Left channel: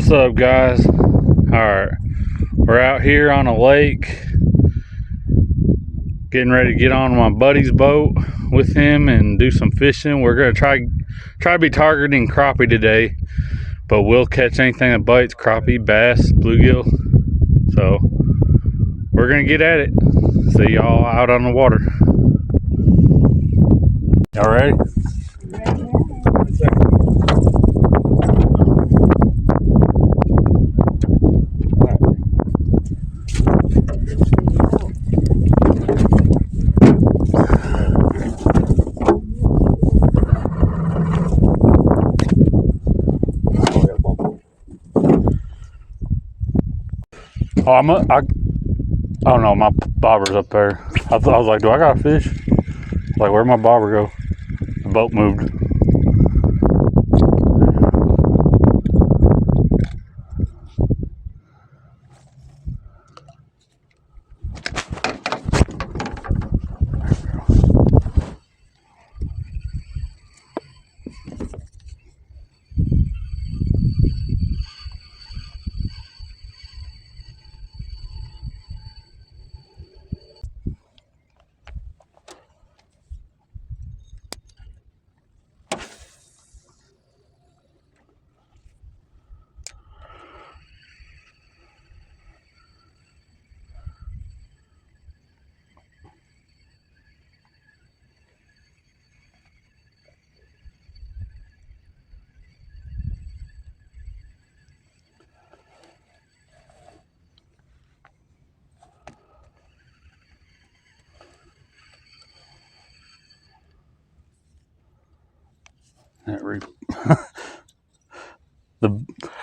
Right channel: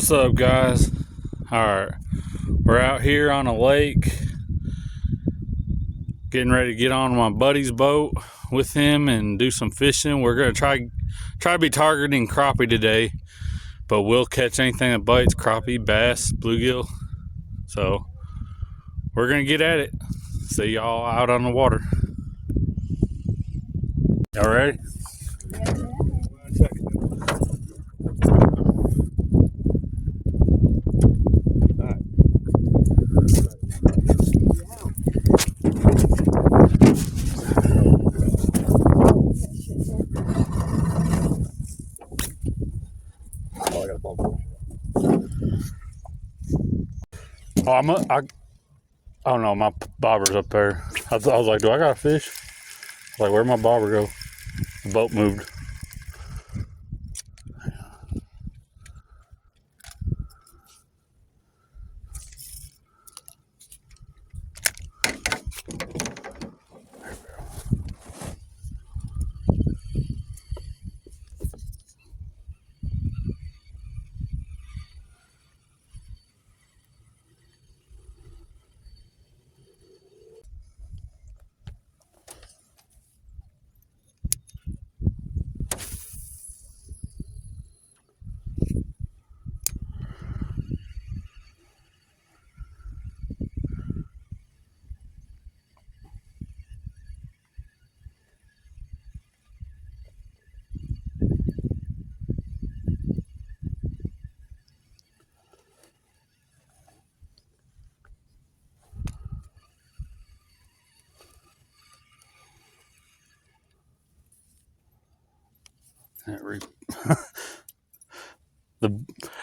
What's up, guys? Alright, we're out here on a lake getting ready to get on my buddy's boat with him and do some fishing. We're gonna try to be targeting crappie today, but we'll catch anything that bites: crappie, bass, bluegill. So we're gonna get at it. See y'all out on the water. Y'all ready? Oh no, my bobber's up there. I was like, do I got a fish? Like, where'd my bobber go? The boat moved.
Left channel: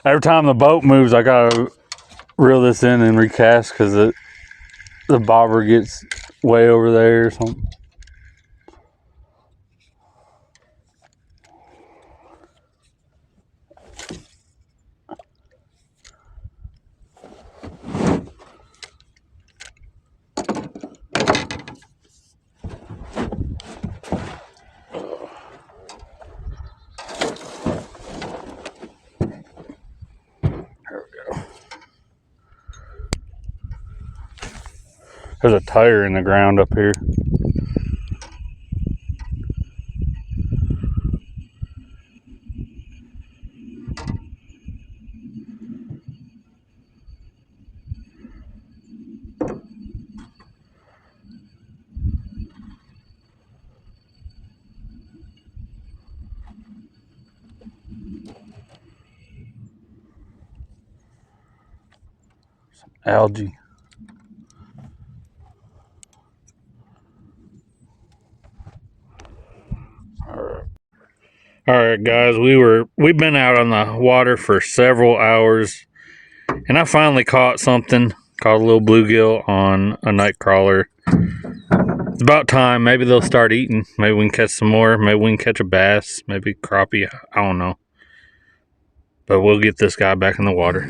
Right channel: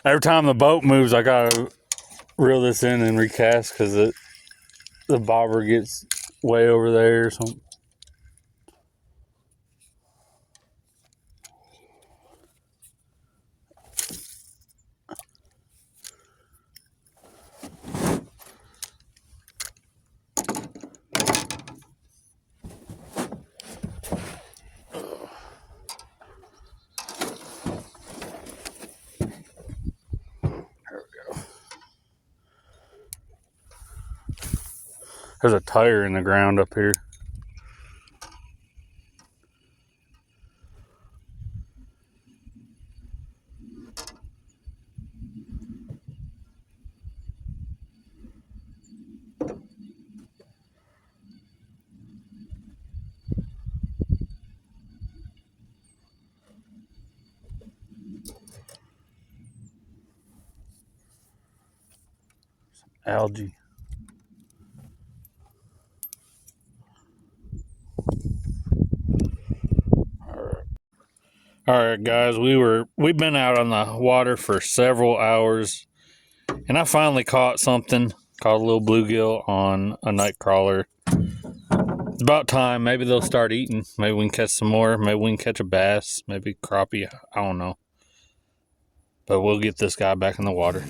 Every time the boat moves, I gotta reel this in and recast because the bobber gets way over there or something. There's a tire in the ground up here. Some algae. All right, guys, we've been out on the water for several hours, and I finally caught something. Caught a little bluegill on a night crawler. It's about time. Maybe they'll start eating. Maybe we can catch some more. Maybe we can catch a bass. Maybe crappie. I don't know. But we'll get this guy back in the water.